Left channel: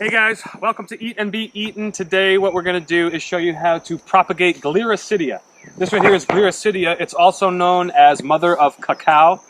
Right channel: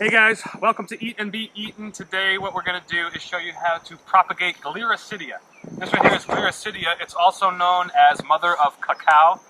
Hey guys, welcome to Eat and Be Eaten. Today what we're going to do is show you how to propagate Gliricidia. This right here is Gliricidia. It's also known as mother of cacao,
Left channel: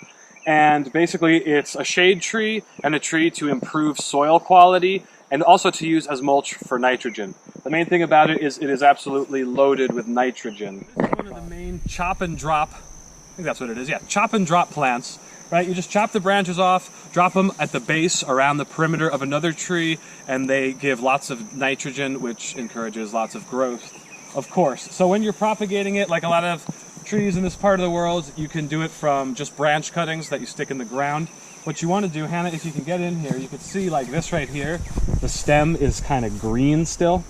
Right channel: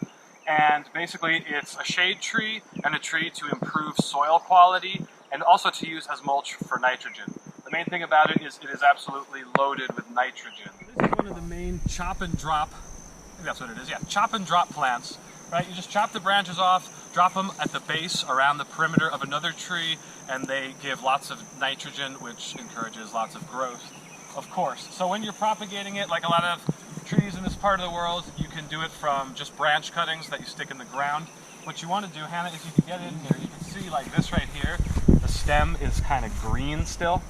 and basically it's a shade tree and a tree to improve soil quality and also to use as mulch for nitrogen. The main thing about it is absolutely loaded with nitrogen. This is one of the main chop and drop, I think that's what it is, yeah, chop and drop plants. Right, you just chop the branches off, drop them at the base around the perimeter of another tree, and they give lots of nitrogen, which encourages lots of growth, of course. So when you're propagating it, like a lot of trees in this part of the world, you can do it from just branch cuttings that you stick in the ground. What you want to do, Hannah, if you can get in here, you can see like this right here, the stem is kind of green still.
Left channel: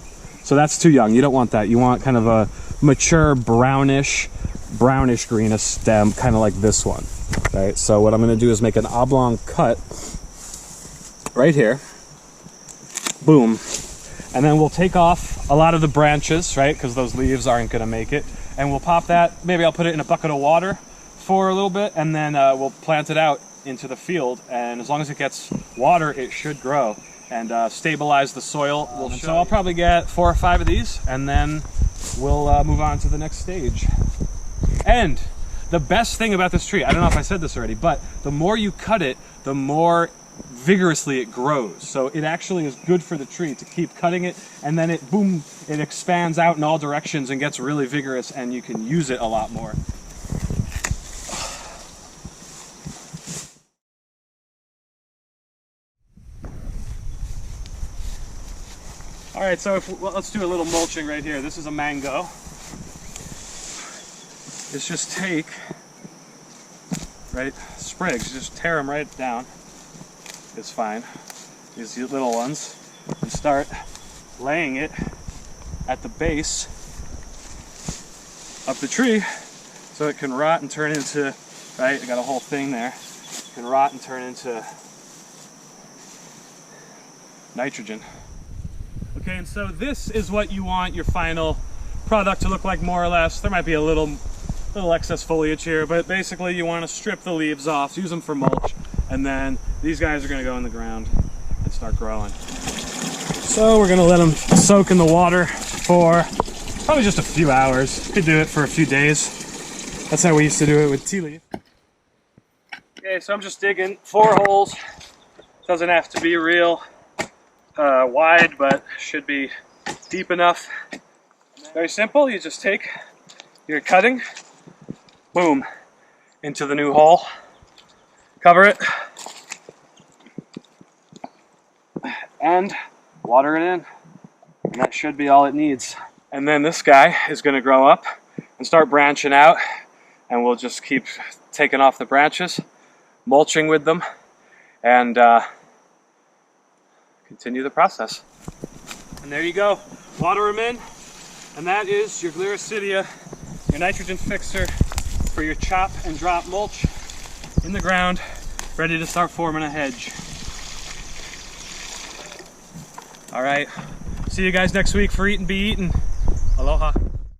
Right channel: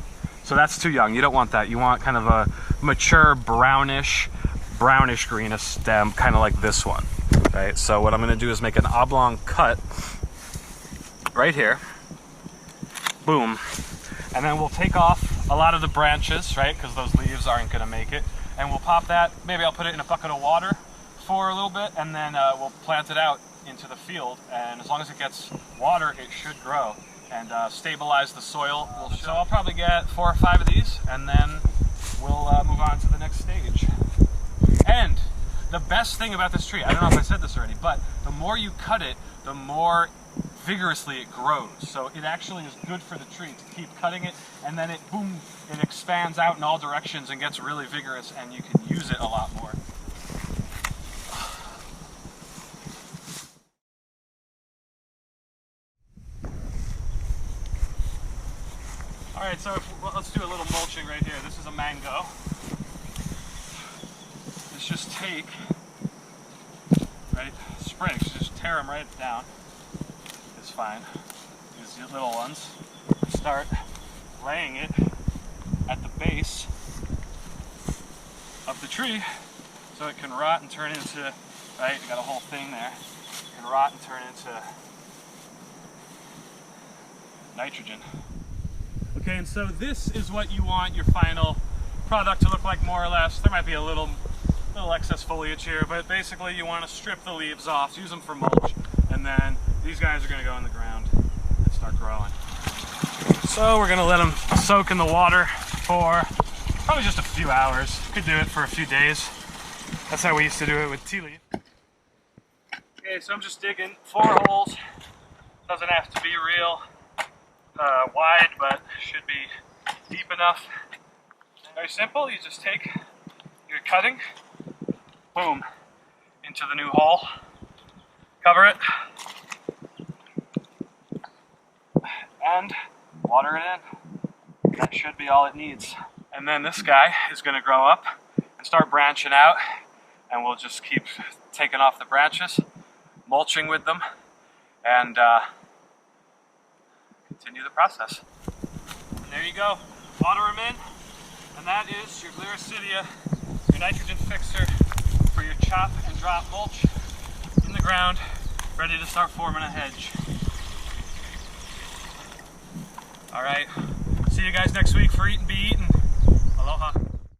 So that's too young. You don't want that. You want kind of a mature brownish greenish stem, kind of like this one. Right, so what I'm going to do is make an oblong cut right here, boom, and then we'll take off a lot of the branches, right, because those leaves aren't going to make it, and we'll pop that, maybe I'll put it in a bucket of water for a little bit, and then we'll plant it out into the field, and as long as it gets water, it should grow and stabilize the soil. So I'll probably get 4 or 5 of these, and then we'll move on to the next stage. And the best thing about this tree, I don't know if I said this already, but the more you cut it, the more vigorously it grows. So it actually is good for the tree to keep cutting it, and then it, boom, it expands out in all directions and gets really vigorous, and you can use it a lot more. All right, so let's do a little mulching right here. This is a mango. Is just take, right, sprigs, just tear them right down, it's fine, these little ones, and start laying it at the base of the tree so it can rot and turn into, right, I got a whole thing there, it can rot and turn into nitrogen. Okay, and so this is what you want your final product to look like, more or less. There might be a little excess foliage here, but basically you want to strip the leaves off, use them for mulch, and then these guys are going to go in the ground and start growing. So we're going to let them soak in the water for probably just a few hours. You could do it for a few days. That's how we used to do it with tea leaf. Okay, so I'm just digging 4 holes. Doesn't have to be real wide, but should be deep enough. Very simple. You just take your cutting, boom, into the new hole, cover it, and water it in, and that should be all it needs. And then this guy is going to grow up and start branching out, and we'll just keep taking off the branches, mulching with them, and continue the process. And there you go, water them in, and that is your Gliricidia, your nitrogen fixer for your chop and drop mulch in the ground, ready to start forming a hedge. All right, see you guys next week for Eat and Be Eaten. Aloha.